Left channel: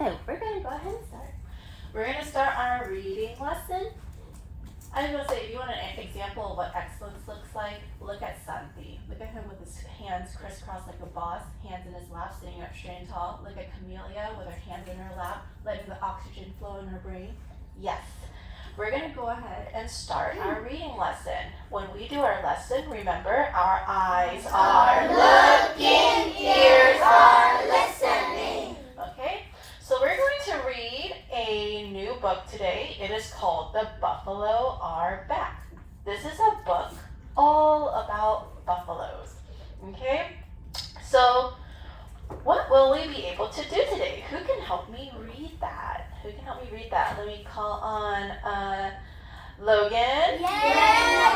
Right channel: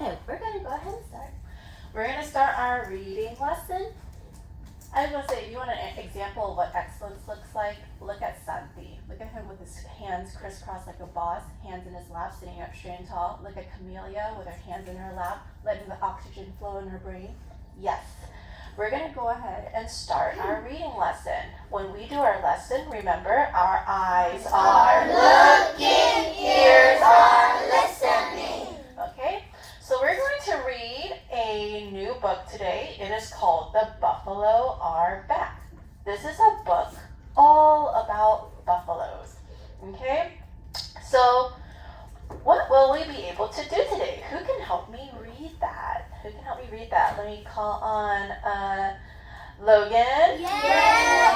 Okay, we're going to go ahead and start. We're going to start our reading lesson. I was going to say, if you want an example of what excellence looks like, look at Santi. Look at him with his hands crisscrossed like a boss, hands in his lap, sitting up straight and tall. Look at Camellia with her hands in her lap, letting the oxygen flow in her brain. Yes. We're going to go ahead and start our reading lesson. When we do our lesson, remember, our eyes are looking, ears are listening. Okay? So we're going to read a new book today. It is called The Buffalo Are Back. This is a book all about buffaloes. Okay? So what will we be able to do today? Who can help me read that? Who can help me read that? Let me call on Logan. Yes,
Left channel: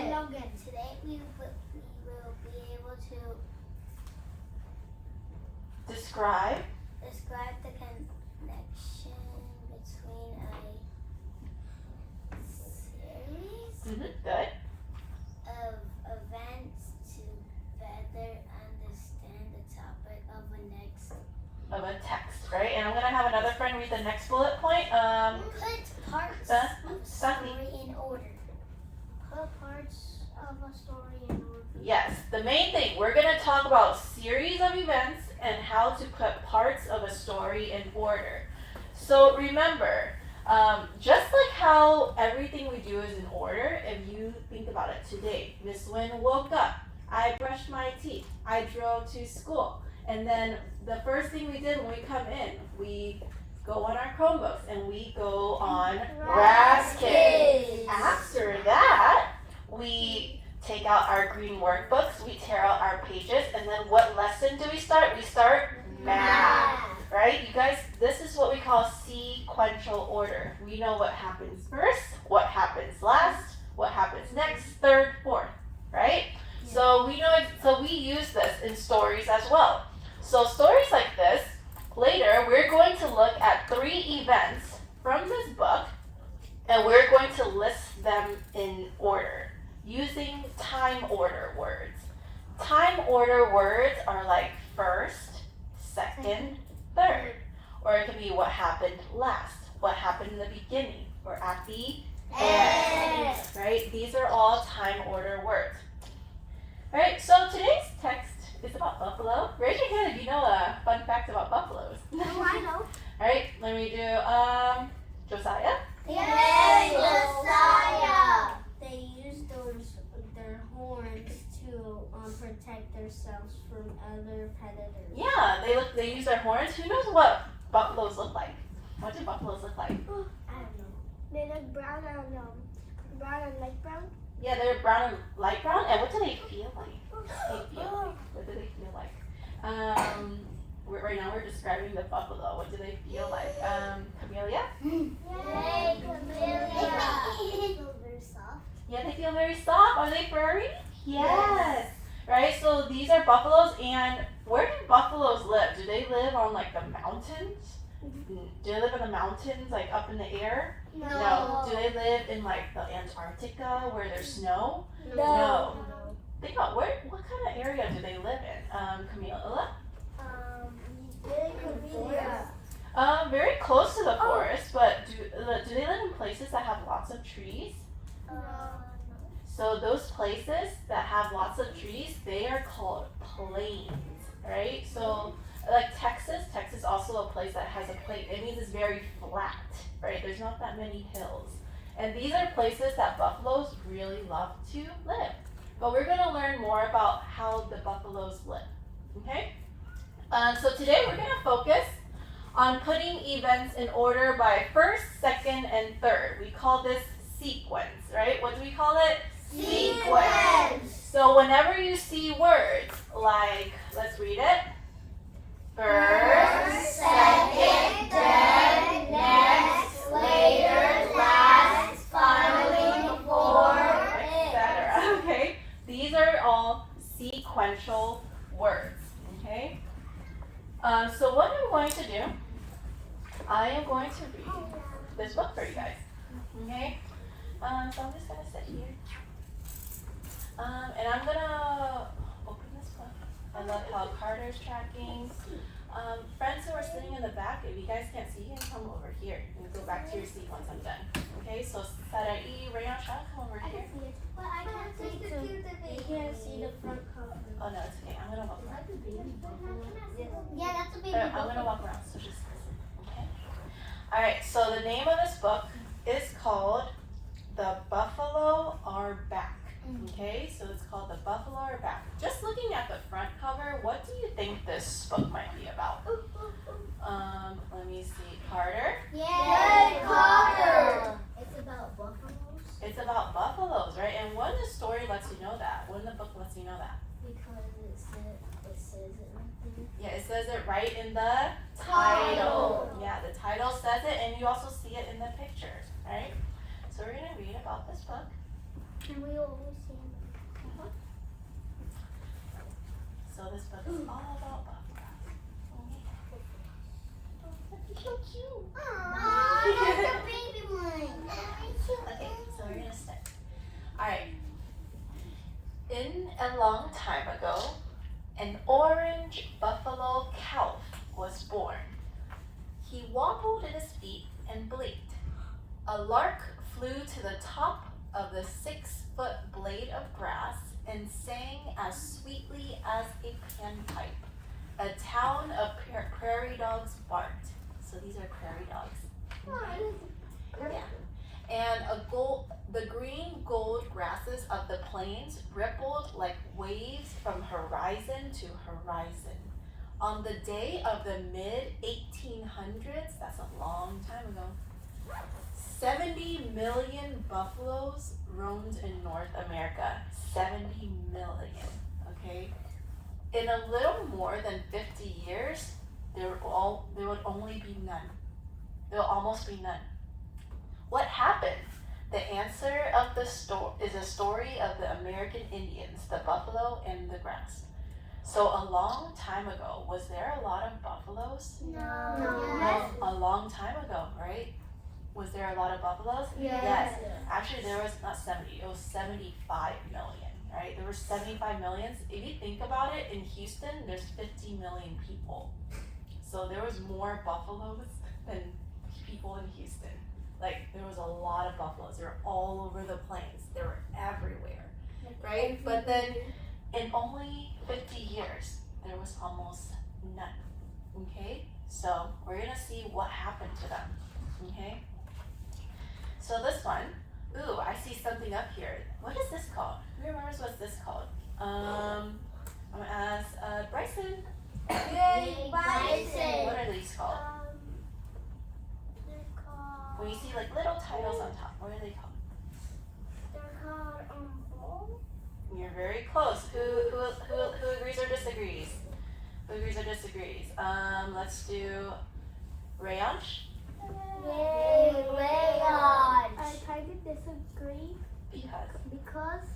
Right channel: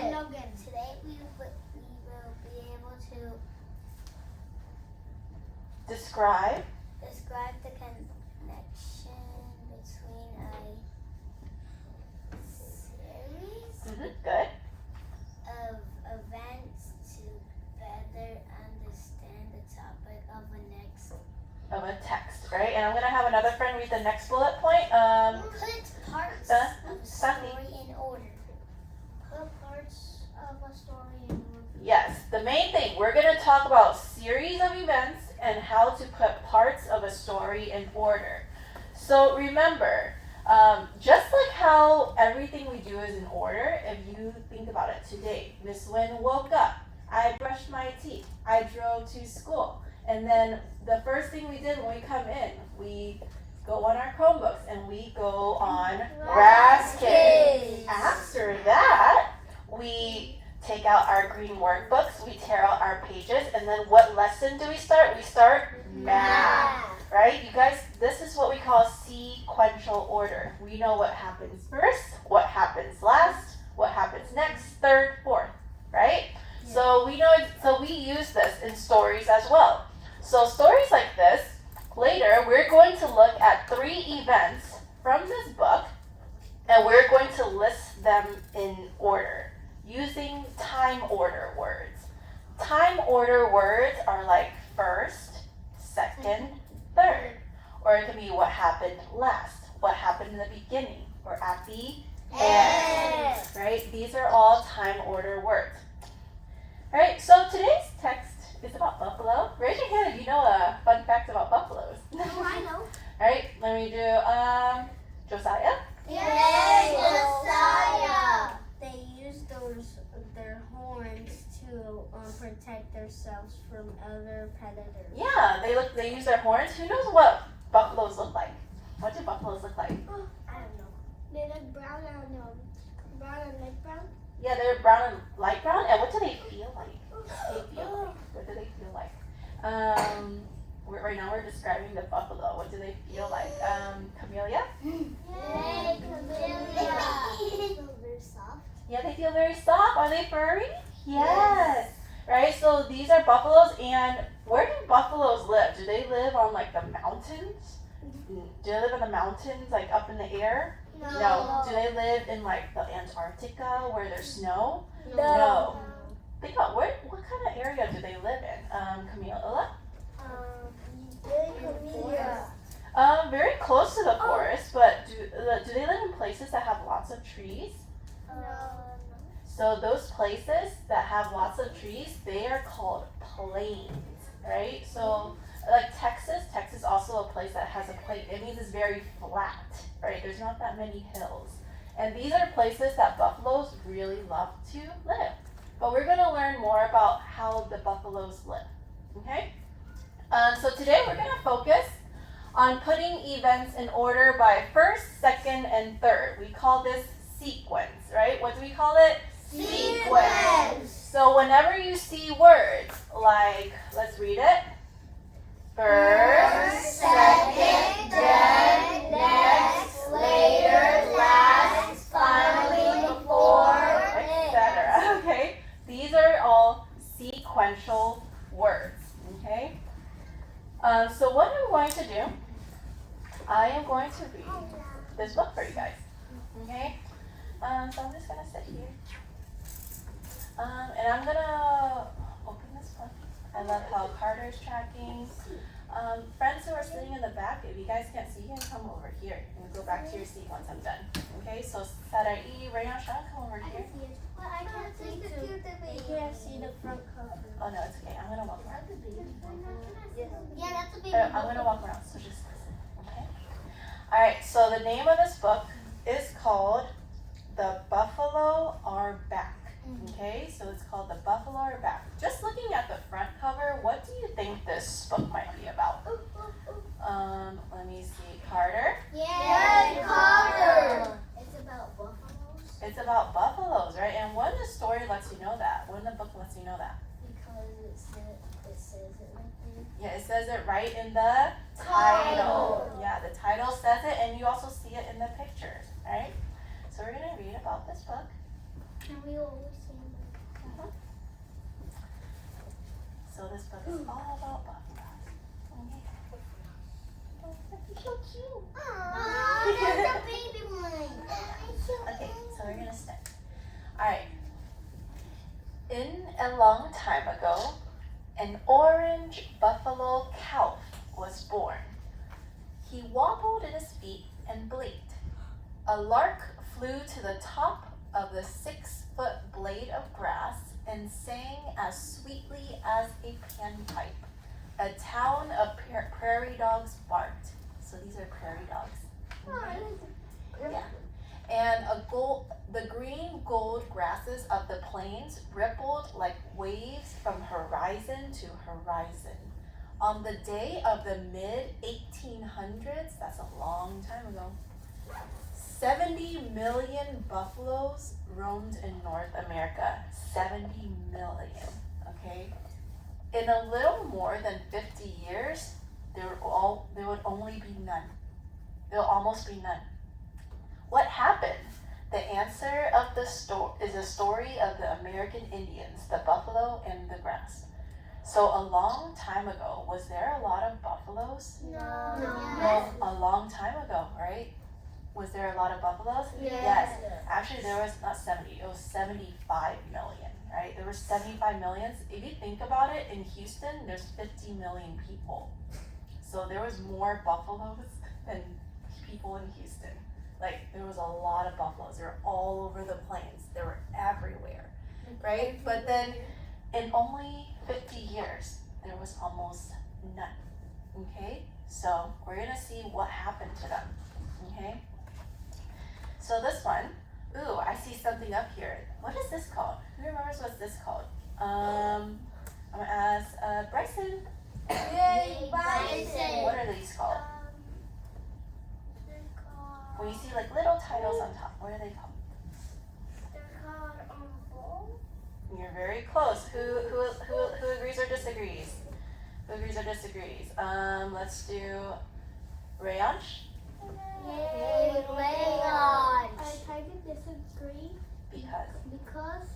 Logan. Logan. Today we will be able to Describe the connection between a series Good. of events to better understand the topic of the next. Of a text, right? And I'm going to have another friend read the next bullet point. Put parts of a Santi. story in order. Put parts of a story in order. Yes, the main thing, we're going to talk about series of events and how to put parts of a story in order. So remember, just like how everything we do is in order, if you think about it today, Miss Wynn woke up, I brushed my teeth, I drove to school, and then the first thing we did when we come in, we go on our Chromebooks and we go on Kids. After that, we take out our green workbooks, we tear out our pages, and then what lesson do we start? We start math, right? You guys, this is what we call sequential order. We know what happens first, what happens last, what happens next, third, fourth, right? Yeah. So we know, so we use this in stories as well. So stories like this, later we're going to look at 3 events from this book, and we're going to list them in order using time order words. Time order words are like first, second, third. Or it can be what happened last, what happened in the beginning, or at the end. Right? These are all time order words. Alright, so today's text is about buffalo. Raise your hand if you know a fun fact about buffaloes. No, I know. Alright, let me do Josiah. Yes, Josiah. They use their horns to protect themselves from other predators. Yeah, they use their horns. Who knows what buffaloes look like? What do buffaloes look like? I don't know. They look brown and light brown. Yeah, they're brown and light brown. And what do they feel like? What do they feel like? Right now we're describing the buffalo. What do they feel like? Camellia? Yay, Camellia. They feel very soft. Yeah, they feel very soft. Are they furry? Yes. Right, so these are buffaloes, and where do buffaloes live? Do they live on like the mountains? Do they live in the mountains, like up in the air? No. Do they live in like the Antarctica where there's snow? No. Think about what kind of area do they live in? Camila? Very close to the forest, but do they live in places that have lots of trees? So those places that have lots of trees, they are called plains, right? So like Texas also a place that has a plain. It means it's very flat, right? There's not that many hills. And these are places that buffaloes really love to live. But we're going to learn more about how the buffaloes live, okay? So today we're going to focus on putting events in order by first, second, and third. We call this sequence, right? What do we call it? Sequence. So whenever you see words like, let's read it. First, second, then, next, later, last, finally, before, etc. Okay? These are all sequential words, okay? So what I'm going to do, I am going to read this book for you guys, okay? So I'm just going to sit here, and I'm going to open this book. I love how Carter's tracking. Friends who are sitting in the If you guys can't see, you can come over here and go back to your seat once I'm done. Okay, so Sarai, Rayan, Sean, come over here. But I can't see you can't see the front cover. Oh no, it's okay. I'm gonna walk around. Yeah, that's a baby I'm gonna walk around, so just listen. Okay. All right. So the name of this book is called "The Buffalo Are Back." Okay, so it's called "The Buffalo Are Back." Just looking at the front cover, what do you think this book might be about? Let me see. Carter. Yay, Carter! It's about buffaloes. It's about buffaloes, right? And when the story lets you know that? When the book lets you know that? Because it says it right there. Yeah, it says it right in the title. Yeah, the title says it, and you also see it in the pictures, right? So we're gonna read about this book. And we always see it. So this book is all about buffaloes. So cute. Aww, that's a baby one. Okay, so we're gonna start. Alright. In a long time ago, an orange buffalo calf was born. He wobbled in his feet and blinked. A lark flew to the top of the 6-foot blade of grass and sang as sweetly as a panpipe. A town of prairie dogs barked. So these are prairie dogs. Okay. Yeah. And the green gold grasses of the plains rippled like waves from horizon to horizon. On the day of the mid-1800s, that's a long time ago, 70 million buffaloes roamed in North America. 70 million, okay? In a little more than 50 years, there would only be none. There'll almost be none. What happened? The answer of the is a story of the American Indians, the buffalo and the grass. So a long time ago, was there a lot of buffaloes? No. A long time ago, right? Was there a lot of buffaloes? Yes. Actually, there was not 70, it was 75 million, right? There were 75 million. If you think about it, in Houston, there's 50 million people. So there was more buffaloes than people in Houston. Like, there was a lot of buffaloes. They were all over the plains. They were everywhere, right? But then in only 50 years, there was almost none, okay? So we're gonna see what happened to them, okay? So this one, ooh, I see something up here. What is this called? Who remembers what's this called? I'm gonna ask Bryson. Yay, Bryson. What are these called? They're called. When you see like little titles on top, what are they called? They're called bowl. You're very close. Who agrees or disagrees? Who agrees or disagrees? Let's do Rayansh. Yay, Rayon. I kind of disagree Because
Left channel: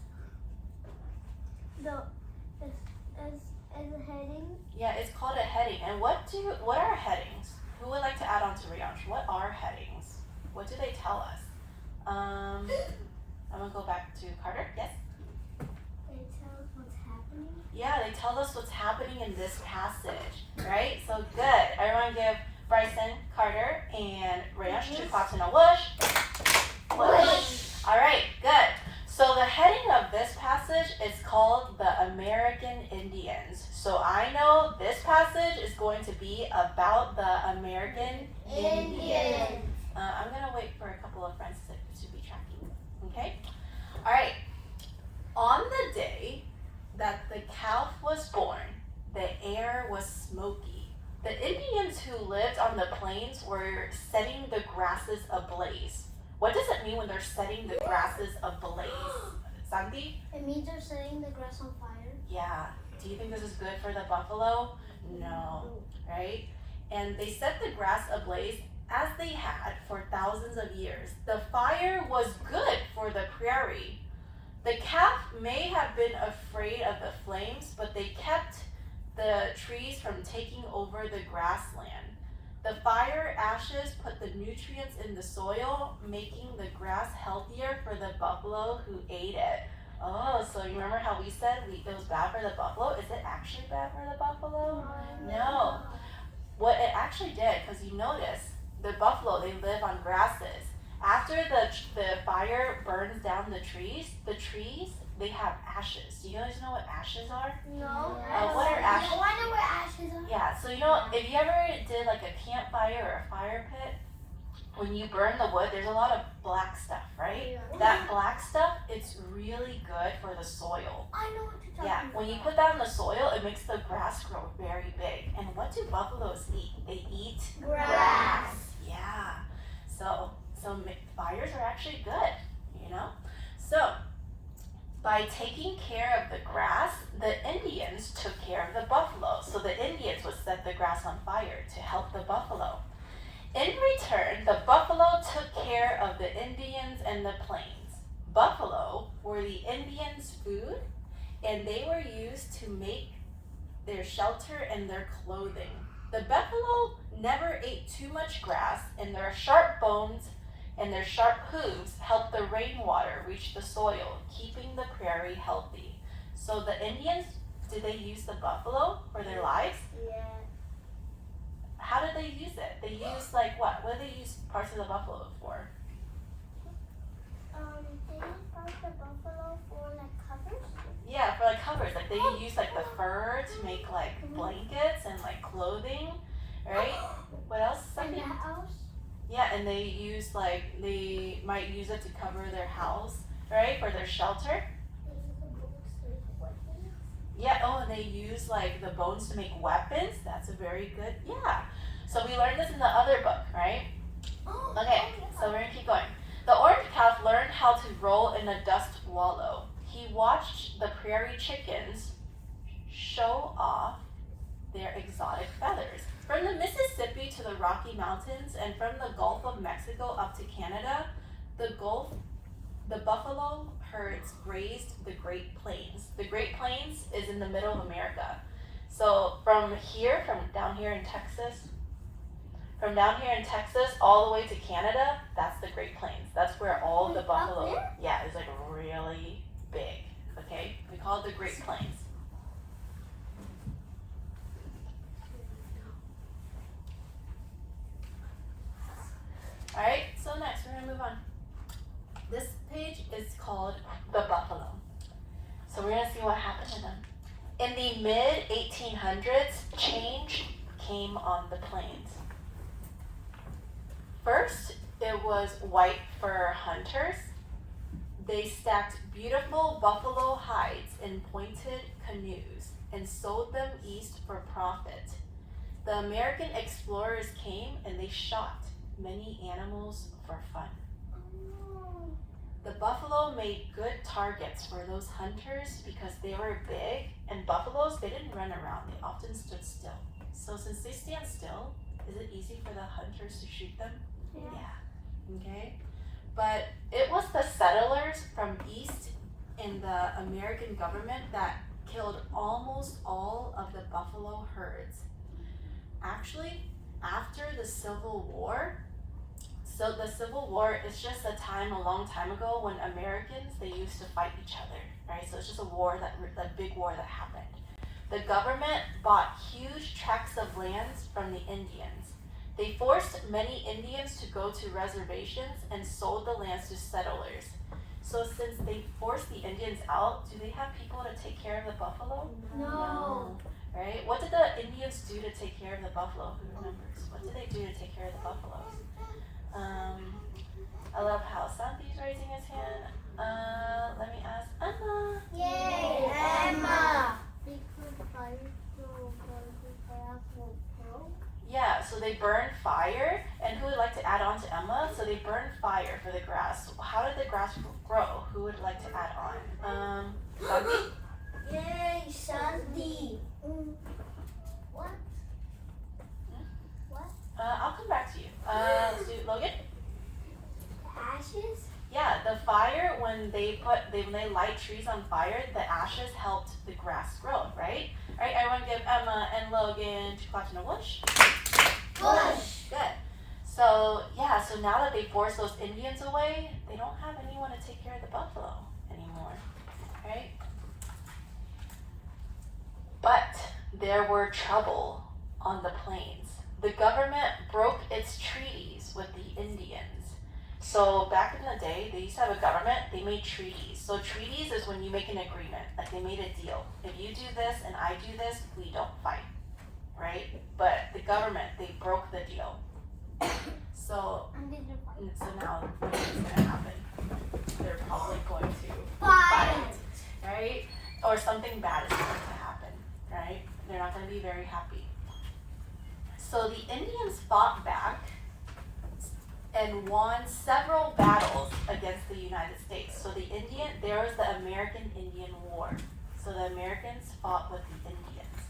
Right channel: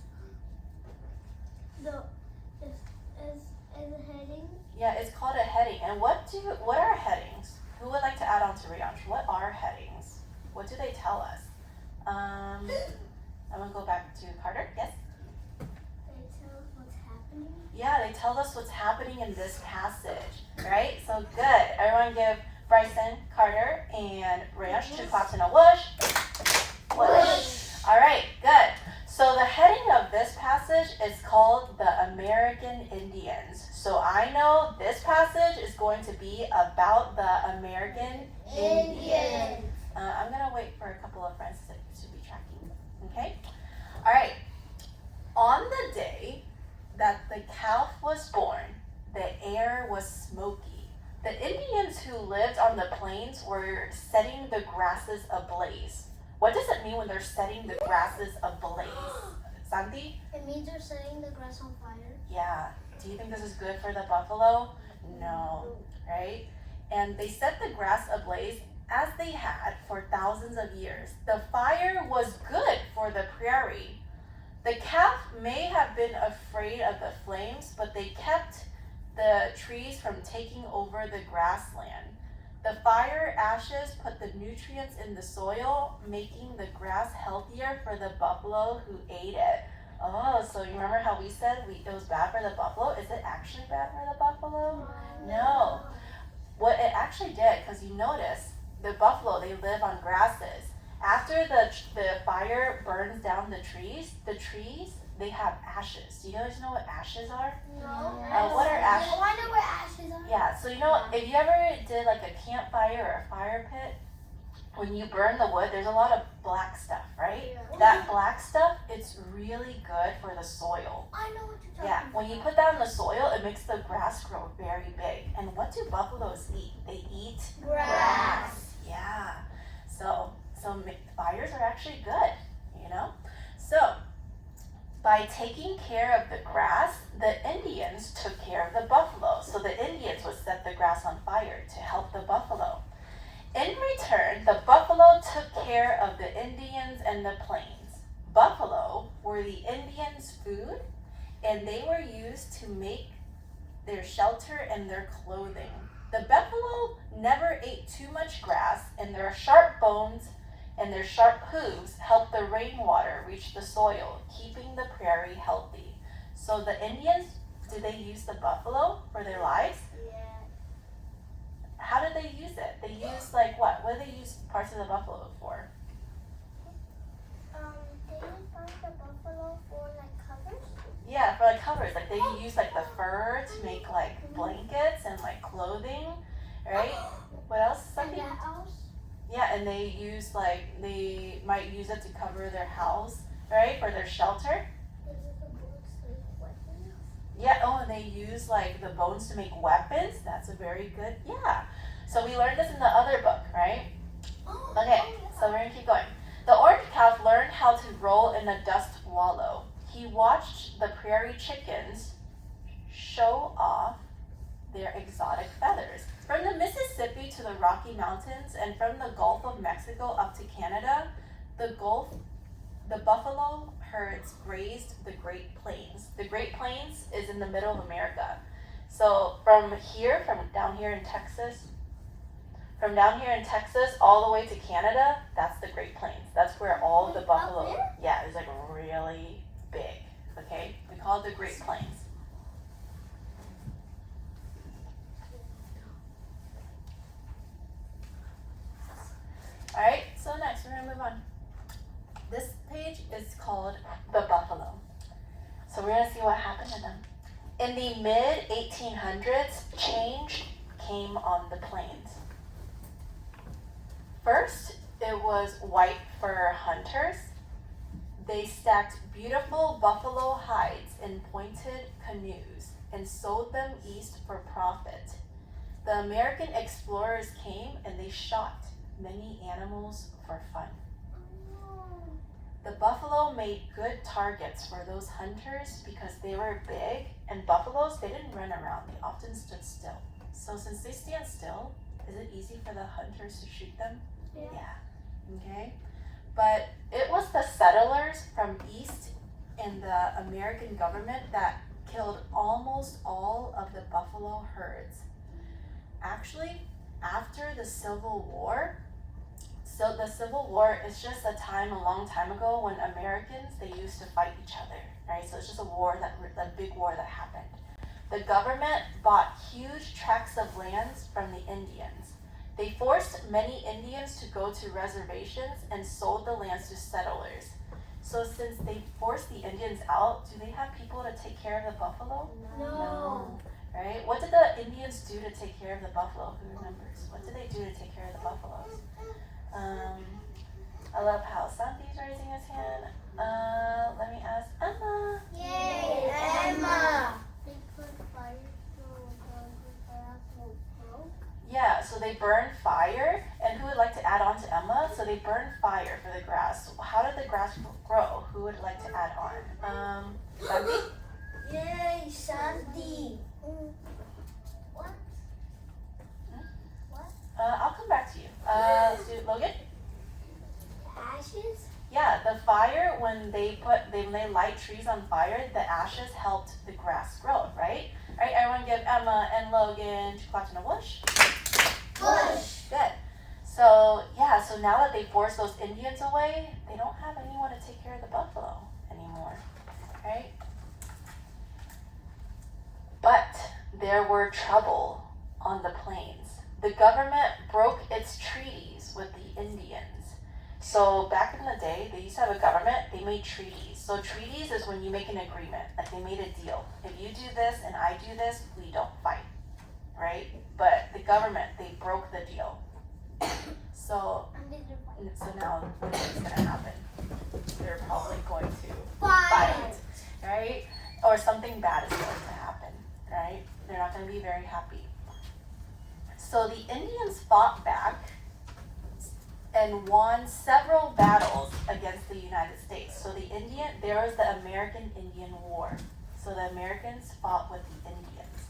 as a heading. yeah, it's called a heading. And what are headings? Who would like to add on to Rayansh? What are headings? What do they tell us? I'm gonna go back to Carter. Yes. They tell us what's happening. Yeah, they tell us what's happening in this passage, right? So good. Everyone give Bryson, Carter, and Rayansh 2 claps and a whoosh. Whoosh. All right, good. So the heading of this passage is called the American Indians. So I know this passage is going to be about the American Indians. I'm gonna wait for a couple of friends to be tracking. Okay. All right. On the day that the calf was born, the air was smoky. The Indians who lived on the plains were setting the grasses ablaze. What does it mean when they're setting the grasses ablaze? Sandy? It means they're setting the grass on fire. Yeah. Do you think this is good for the buffalo? No. Right? And they set the grass ablaze as they had for thousands of years. The fire was good for the prairie. The calf may have been afraid of the flames, but they kept the trees from taking over the grassland. The fire ashes put the nutrients in the soil, making the grass healthier for the buffalo who ate it. Oh, so you remember how we said it was bad for the buffalo? Is it actually bad for the buffalo? No. What it actually actually did, because you notice the buffalo, they live on grasses. After the fire burns down the trees, they have ashes. Do you guys know what ashes are? No. What are ashes? Oh, I know where ashes are. Yeah, so you know, if you ever did like a campfire or a fire pit, when you burn the wood, there's a lot of black stuff, right? Yeah. That black stuff, it's really good for the soil. I know what you're talking Yeah, about. when you put that in the soil, it makes the grass grow very big. And what do buffaloes eat? They eat Grass. Yeah. So fires are actually good, you know? So, by taking care of the grass, the Indians took care of the buffalo. So the Indians would set the grass on fire to help the buffalo. In return, the buffalo took care of the Indians and the plains. Buffalo were the Indians' food, and they were used to make their shelter and their clothing. The buffalo never ate too much grass, and their sharp bones and their sharp hooves helped the rainwater reach the soil, keeping the prairie healthy. So the Indians, did they use the buffalo for their lives? Yeah. How did they use it? They used like what? What did they use parts of the buffalo for? They use like the buffalo for like covers. Yeah, for like covers. Like they use like the fur to make like blankets and like clothing, right? What else? And Something? the house. Yeah, and they use like they might use it to cover their house, right? For their shelter. They use the bullocks like weapons. Yeah. Oh, and they use like the bones to make weapons. That's a very good. Yeah. So we learned this in the other book, right? Okay. So we're gonna keep going. The orange calf learned how to roll in a dust wallow. He watched the prairie chickens show off their exotic feathers. From the Mississippi to the Rocky Mountains and from the Gulf of Mexico up to Canada, the buffalo herds grazed the Great Plains. The Great Plains is in the middle of America. So from down here in Texas, all the way to Canada, that's the Great Plains. That's where all of the buffalo, yeah, it's like really big, okay? We call it the Great Plains. All right, so next we're gonna move on. This page is called the buffalo. So we're gonna see what happened to them. In the mid 1800s, change came on the plains. First, it was white fur hunters. They stacked beautiful buffalo hides in pointed canoes and sold them east for profit. The American explorers came and they shot many animals for fun. The buffalo made good targets for those hunters because they were big, and buffaloes, they didn't run around, they often stood still. So since they stand still, is it easy for the hunters to shoot them? Yeah. Okay. But it was the settlers from east and the American government that killed almost all of the buffalo herds. Actually, after the Civil War, so the Civil War is just a long time ago when Americans, they used to fight each other, right? So it's just a big war that happened. The government bought huge tracts of lands from the Indians. They forced many Indians to go to reservations and sold the lands to settlers. So since they forced the Indians out, do they have people to take care of the buffalo? No. Right? What did the Indians do to take care of the buffalo? Who remembers? What did they do to take care of the buffaloes? I love how Santi's raising his hand. Let me ask Emma. Yay, Emma! They put fire so the grass will grow. Yeah, so they burn fire. And who would like to add on to Emma? So they burn fire for the grass. How did the grass grow? Who would like to add on? Santi? Yay, Sandy! What? I'll come back to you. Let's do Logan. Ashes? Yeah, the fire, when they light trees on fire, the ashes helped the grass grow, right? All right, everyone give Emma and Logan 2 claps and a whoosh. Bush! Good. So, yeah, so now that they forced those Indians away, they don't have anyone to take care of the buffalo anymore, right? But there were trouble on the plains. the government broke its treaties with the Indians. So back in the day, they used to have a government, they made treaties. So treaties is when you make an agreement, like they made a deal. If you do this and I do this, we don't fight, right? But the government, they broke the deal. So now what is gonna happen? They're probably going to fight, right? Or something bad is going to happen, right? They're not gonna be very happy. So the Indians fought back and won several battles against the United States. So there was the American-Indian War. So the Americans fought with the Indians.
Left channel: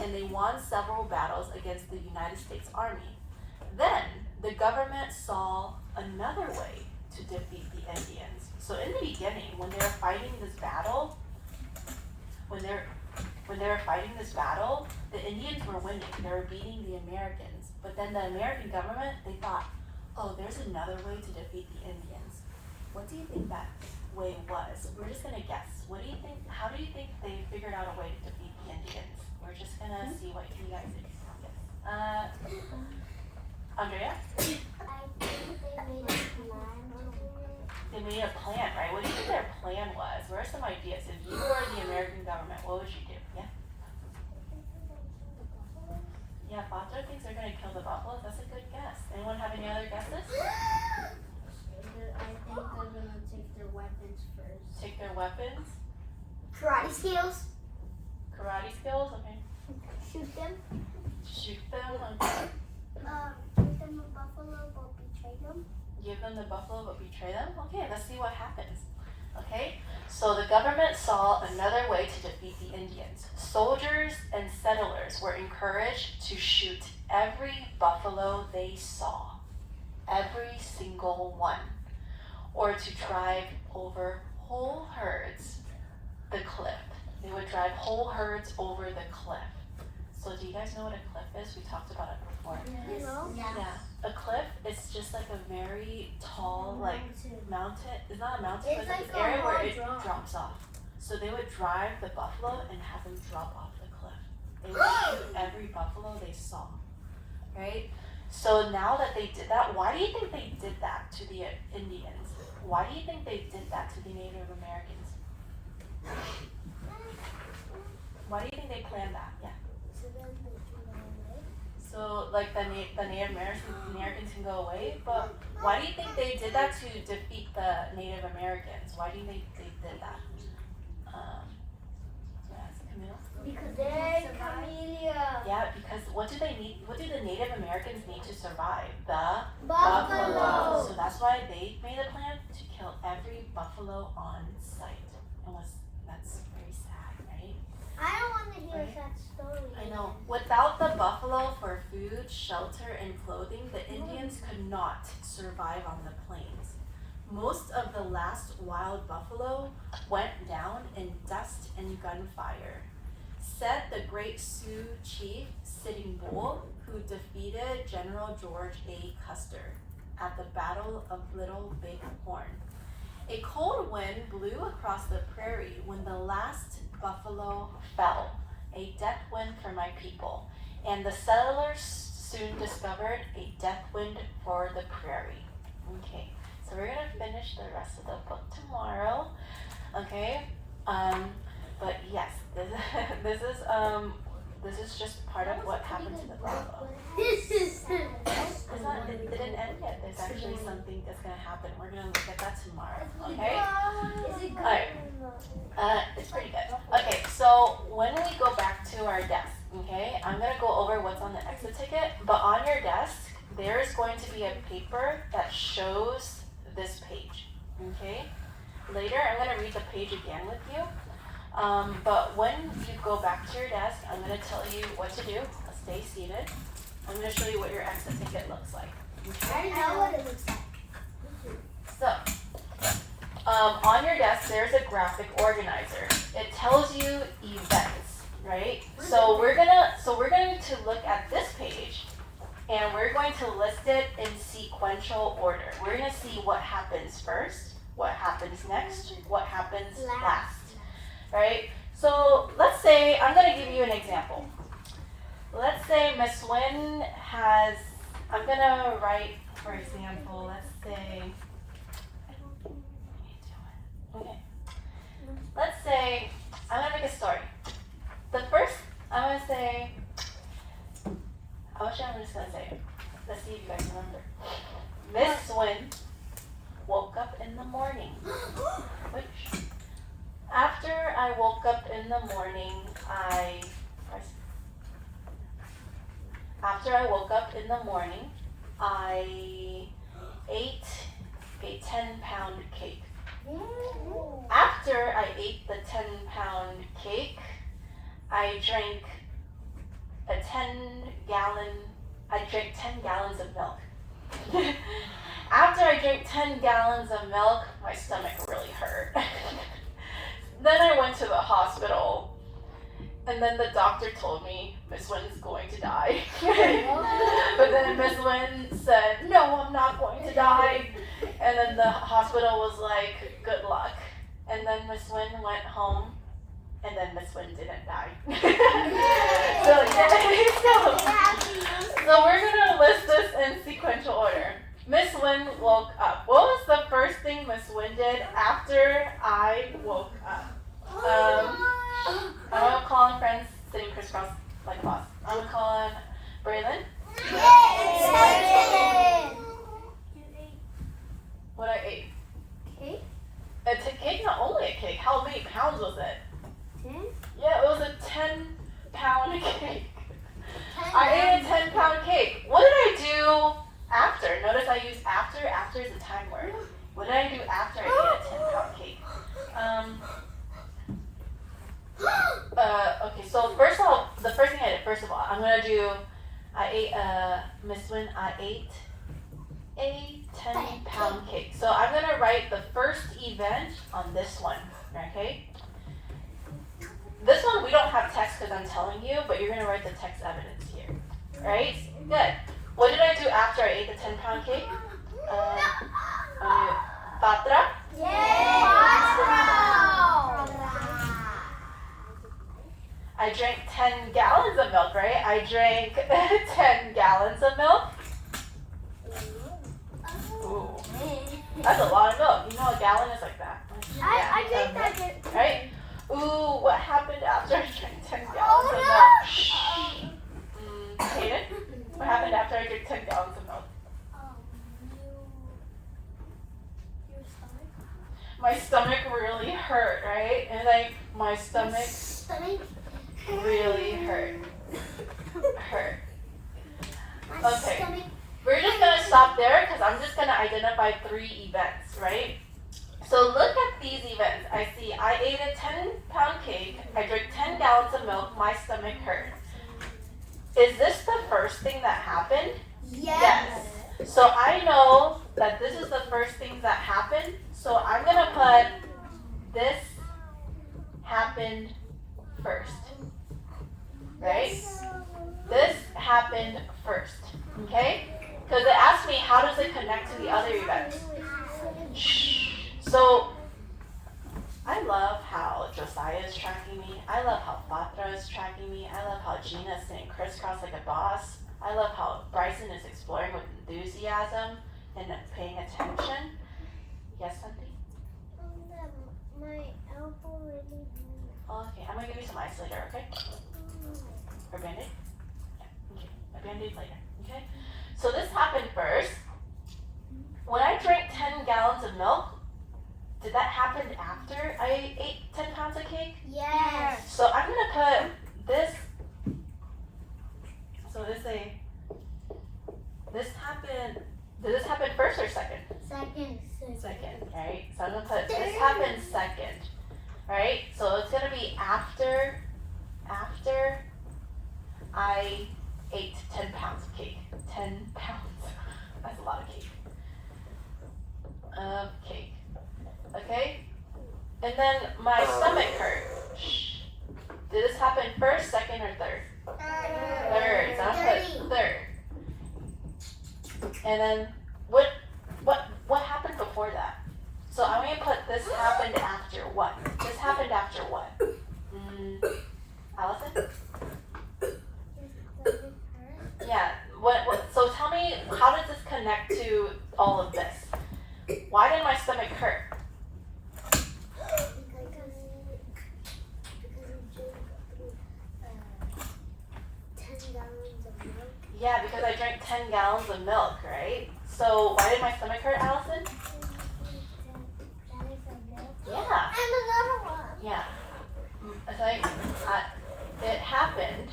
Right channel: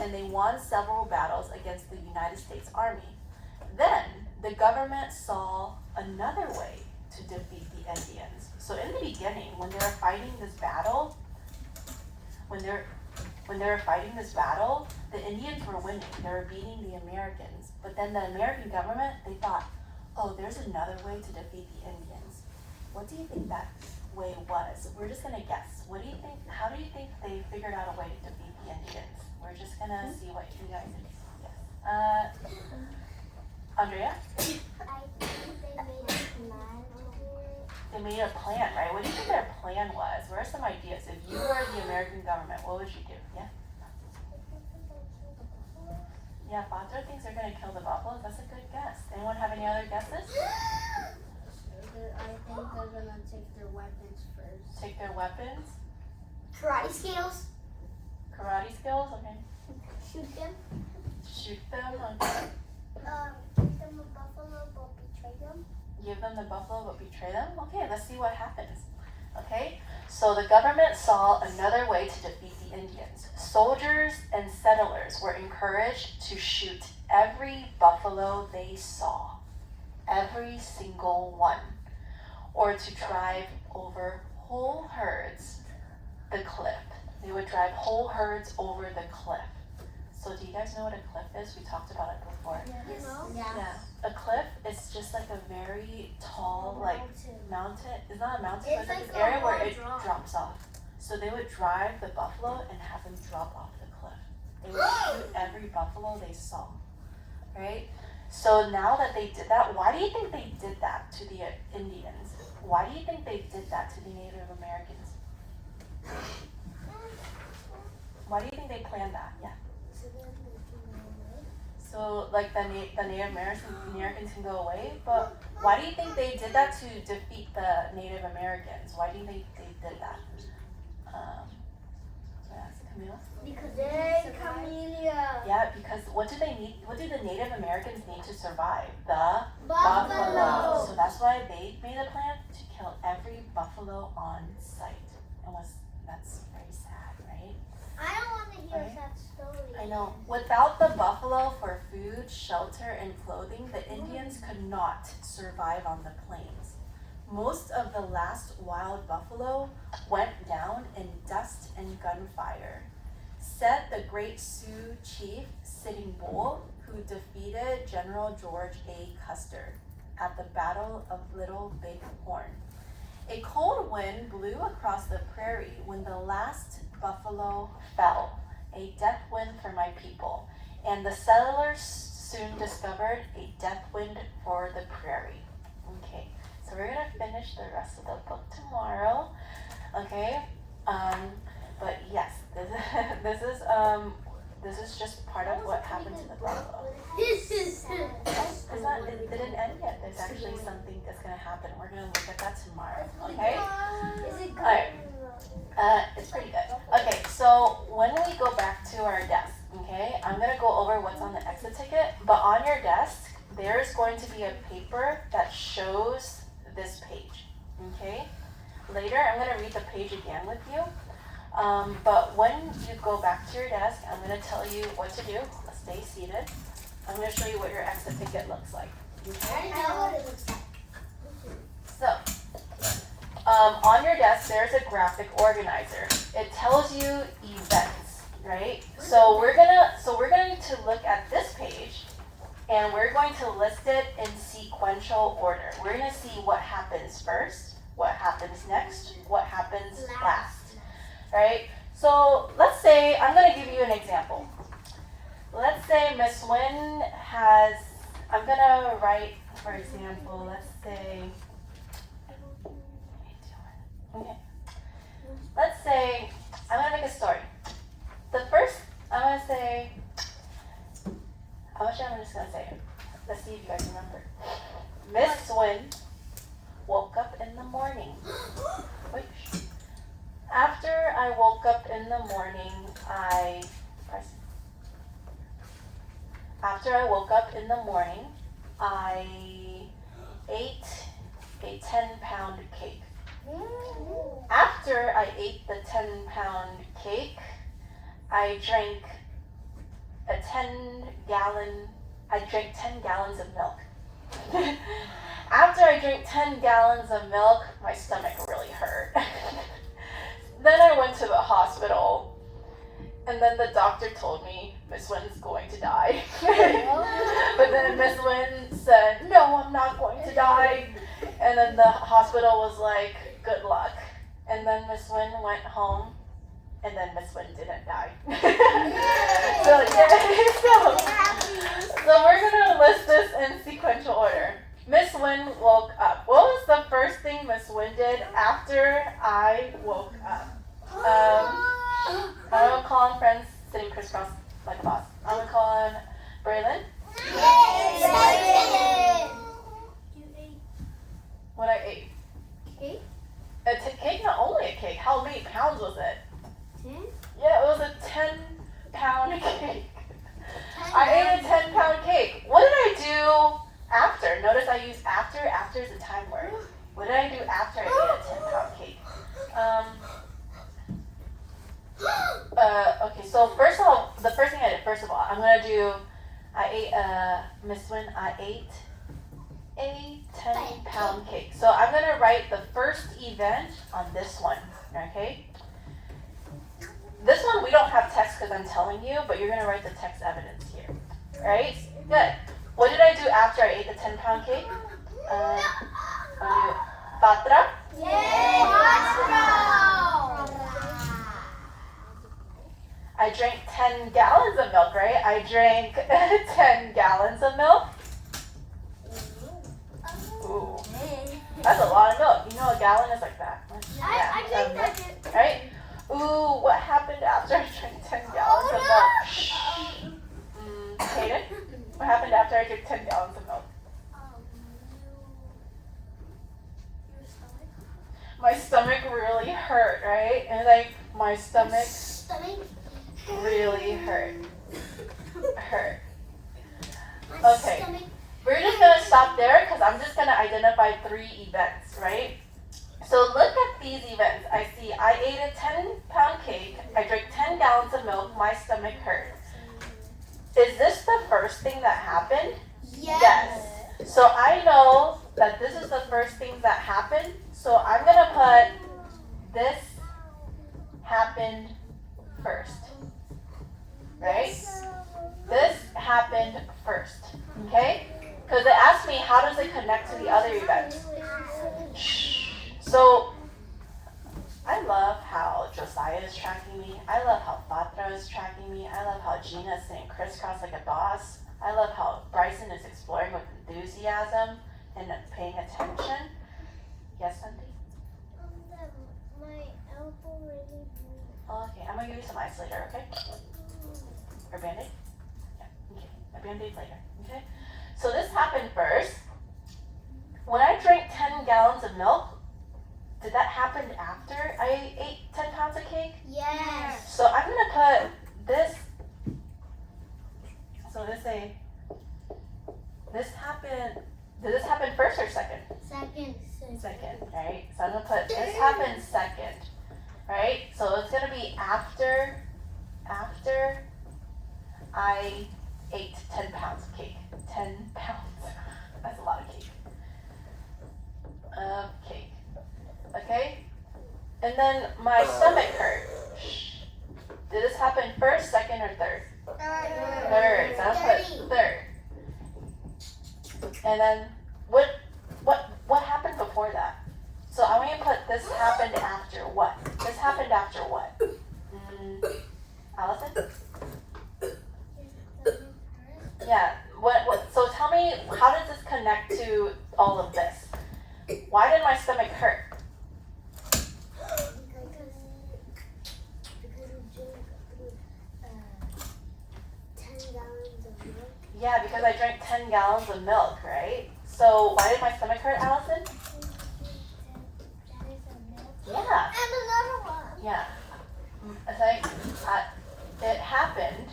And they won several battles against the United States Army. Then the government saw another way to defeat the Indians. So in the beginning, when they were fighting this battle, the Indians were winning. They were beating the Americans. But then the American government, they thought, oh, there's another way to defeat the Indians. What do you think that way was? We're just gonna guess. What do you think? How do you think they figured out a way to defeat the Indians? We're just gonna see what you guys think. Yes. Andrea? They made a plan, right? What do you think their plan was? What are some ideas? If you were the American government, what would you do? Yeah? Yeah, Father thinks they're gonna kill the buffalo. That's a good guess. Anyone have any other guesses? I think they're gonna take their weapons first. Take their weapons? Karate skills. Karate skills? Okay. Shoot them. Shoot them? Okay. Give them a buffalo but betray them. Give them the buffalo but betray them? Okay, let's see what happens. Okay, so the government saw another way to defeat the Indians. Soldiers and settlers were encouraged to shoot every buffalo they saw, every single one, or to drive over whole herds the cliff. They would drive whole herds over the cliff. So do you guys know what a cliff is? We talked about it before. Yes. Yeah. A cliff is just like a very tall, like mountain. It's not a mountain, It's but like it's a an area where hard it drop. drops off. So they would drive the buffalo and have them drop off the cliff. They would shoot every buffalo they saw, right? So now that they did that, why do you think they did that to the Indians? Why do you think they did that to the Native Americans? Why do you think they planned that? Yeah. So like the Native Americans can go away, but why do you think they did that to defeat the Native Americans? Why do you think they did that? Yes, Camila? Because they're Camellia. Yeah, because what do they need? What do the Native Americans need to survive? The Buffalo. So that's why they made a plan to kill every buffalo on sight. That's very sad, right? I don't want to hear Right. that story. I know. Without the buffalo for food, shelter, and clothing, the Indians could not survive on the plains. Most of the last wild buffalo went down in dust and gunfire, said the great Sioux chief Sitting Bull, who defeated General George A. Custer at the Battle of Little Big Horn. A cold wind blew across the prairie when the last buffalo fell, a death wind for my people, and the settlers soon discovered a death wind for the prairie. Okay, so we're gonna finish the rest of the book tomorrow. Okay, but yes, this is just part of what happened to the buffalo. It didn't end yet. There's actually something that's gonna happen. We're gonna look at that tomorrow. Okay. Is it good? Alright. It's pretty good. Okay, so when we go back to our desk, okay, I'm gonna go over what's on the exit ticket, but on your desk, there's going to be a paper that shows this page, okay? Later, I'm gonna read the page again with you, but when you go back to your desk, I'm gonna tell you what to do. Stay seated. I'm gonna show you what your exit ticket looks like, okay? I know what it looks like. So, on your desk, there's a graphic organizer. It tells you events, right? So we're going to look at this page, and we're going to list it in sequential order. We're going to see what happens first, what happens next, what happens last, right? So let's say I'm going to give you an example. let's say Miss Wynn has, I'm gonna write, for example, let's say, okay, let's say, I'm gonna make a story. The first, I'm gonna say, I'm just gonna say it. Let's see if you guys remember. Miss Wynn woke up in the morning. Which, after I woke up in the morning, After I woke up in the morning, I ate a 10-pound cake. After I ate the 10-pound cake, I drank 10 gallons of milk. After I drank 10 gallons of milk, my stomach really hurt. Then I went to the hospital, and then the doctor told me Miss Wynn's going to die. But then Miss Wynn said, no, I'm not going to die. And then the hospital was like, good luck. And then Miss Wynn went home, and then Miss Wynn didn't die. So we're gonna list this in sequential order. Miss Wynn woke up. What was the first thing Miss Wynn did after I woke up? I'm gonna call on friends sitting crisscross like a boss. I'm gonna call on Braylon. What I ate? Cake? A cake, not only a cake. How many pounds was it? 10? Yeah, it was a 10-pound cake. I ate a 10-pound cake. What did I do after? Notice I use after. After is a time word. What did I do after I ate a 10-pound cake? Okay, so first of all, the first thing I did, I'm gonna do, Miss Wynn, I ate a 10-pound cake. So I'm gonna write the first event on this one, okay? This one we don't have text because I'm telling you, but you're gonna write the text evidence here, right? Good. What did I do after I ate the 10-pound cake? Patra? I drank 10 gallons of milk, right? I drank 10 gallons of milk. Ooh, that's a lot of milk. You know a gallon is like that. I think that did. Right? Ooh, what happened after I drank 10 gallons of milk? Hayden? What happened after I drank 10 gallons of milk? My stomach really hurt, right? And like, my stomach really hurt. Okay. We're just gonna stop there because I'm just gonna identify 3 events, right? So look at these events. I see I ate a 10-pound cake, I drank 10 gallons of milk, my stomach hurt. Is this the first thing that happened? Yes. So I know that this is the first thing that happened. So I'm gonna put this happened first. Right? This happened first. Okay? Because it asked me how does it connect to the other events. So I love how Josiah is tracking me. I love how Patra is tracking me. I love how Gina is sitting crisscross like a boss. I love how Bryson is exploring with enthusiasm and paying attention. Yes, something? My elbow really hurts. Okay, I'm gonna give you some ice later, okay? Or Band-Aid? Yeah, okay. A Band-Aid later, okay? So this happened first. When I drank 10 gallons of milk, did that happen after I ate 10 pounds of cake? Yes. So I'm gonna put this, this happened, did this happen first or second? Second. Second, right? So I'm gonna put this happened second, right? So it's gonna be after I ate 10 pounds of cake. 10 pounds. That's a lot of cake. Cake. Okay? And then my stomach hurt. Did this happen first, second, or third? Third. So I'm gonna put third. And then what happened before that? So I'm gonna put this happened after what? This happened after what? Allison? Yeah. So tell me, how does this connect to all of this? Why did my stomach hurt? Because you drink 10 gallons of milk. Yeah, because I drank 10 gallons of milk, right? So why did my stomach hurt, Allison? Yeah. And another one. Yeah. I think it happened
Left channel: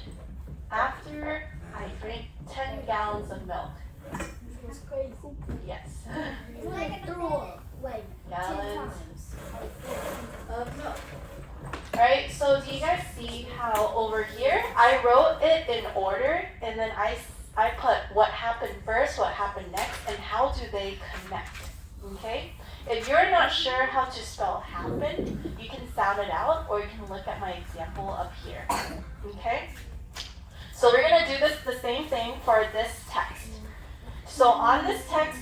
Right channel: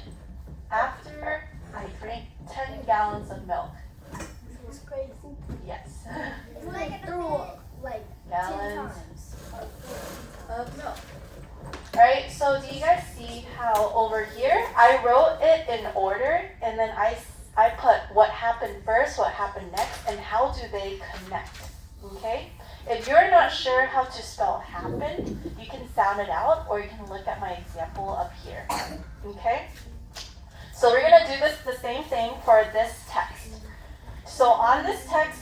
after I drank 10 gallons of milk. It's crazy. Yes. I threw up like 10 Gallons times of milk. Alright, so do you guys see how over here I wrote it in order and then I put what happened first, what happened next, and how do they connect? Okay? If you're not sure how to spell happen, you can sound it out or you can look at my example up here. Okay? So we're going to do the same thing for this text. So on this text,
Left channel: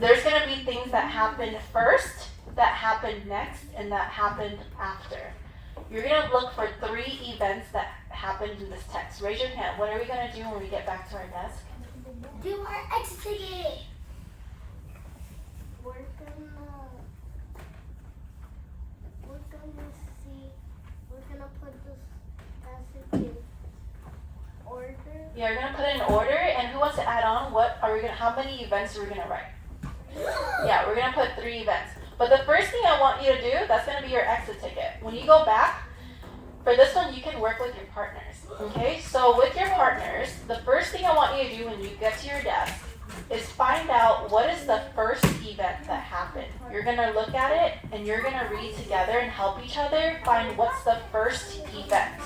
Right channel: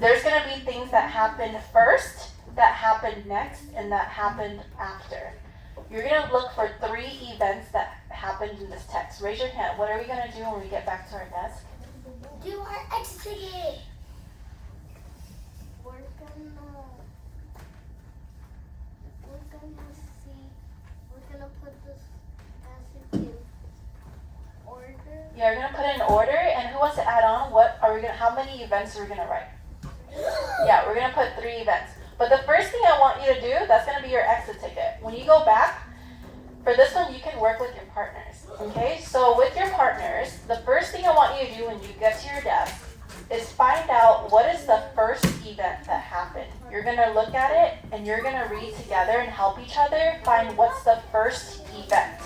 there's going to be things that happened first, that happened next, and that happened after. You're going to look for 3 events that happened in this text. Raise your hand. What are we going to do when we get back to our desk? Do our exit ticket. We're gonna put this as in order. Yeah, we're going to put it in order, and who wants to add on? How many events are we going to write? Yeah, we're going to put 3 events. But the first thing I want you to do, that's going to be your exit ticket. When you go back, for this one, you can work with your partners. Okay, so with your partners, the first thing I want you to do when you get to your desk is find out what is the first event that happened. You're going to look at it and you're going to read together and help each other find what's the first event.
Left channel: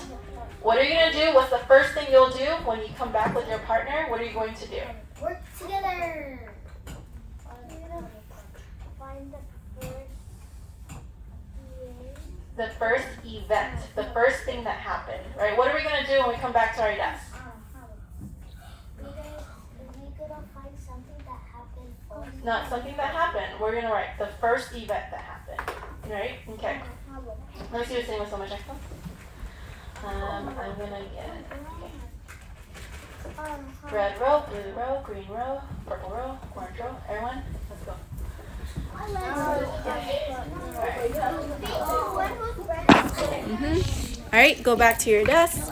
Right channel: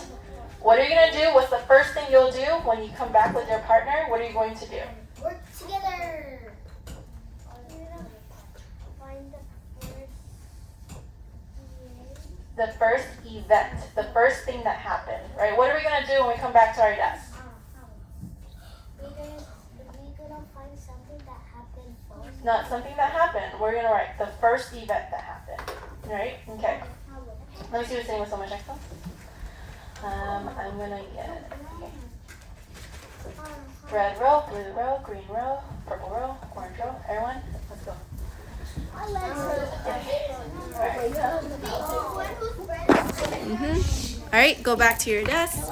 What are you going to do? What's the first thing you'll do when you come back with your partner? What are you going to do? Work together. Find the first The first event, the first thing that happened, right? What are we going to do when we come back to our desk? We're gonna find something that happened first. Not something that happened. We're going to write the first event that happened, right? Okay. Let me see what's sitting with so much excellence. I'm going to get red row, blue row, green row, purple row, orange row. Everyone, let's go. All right, go back to your desk.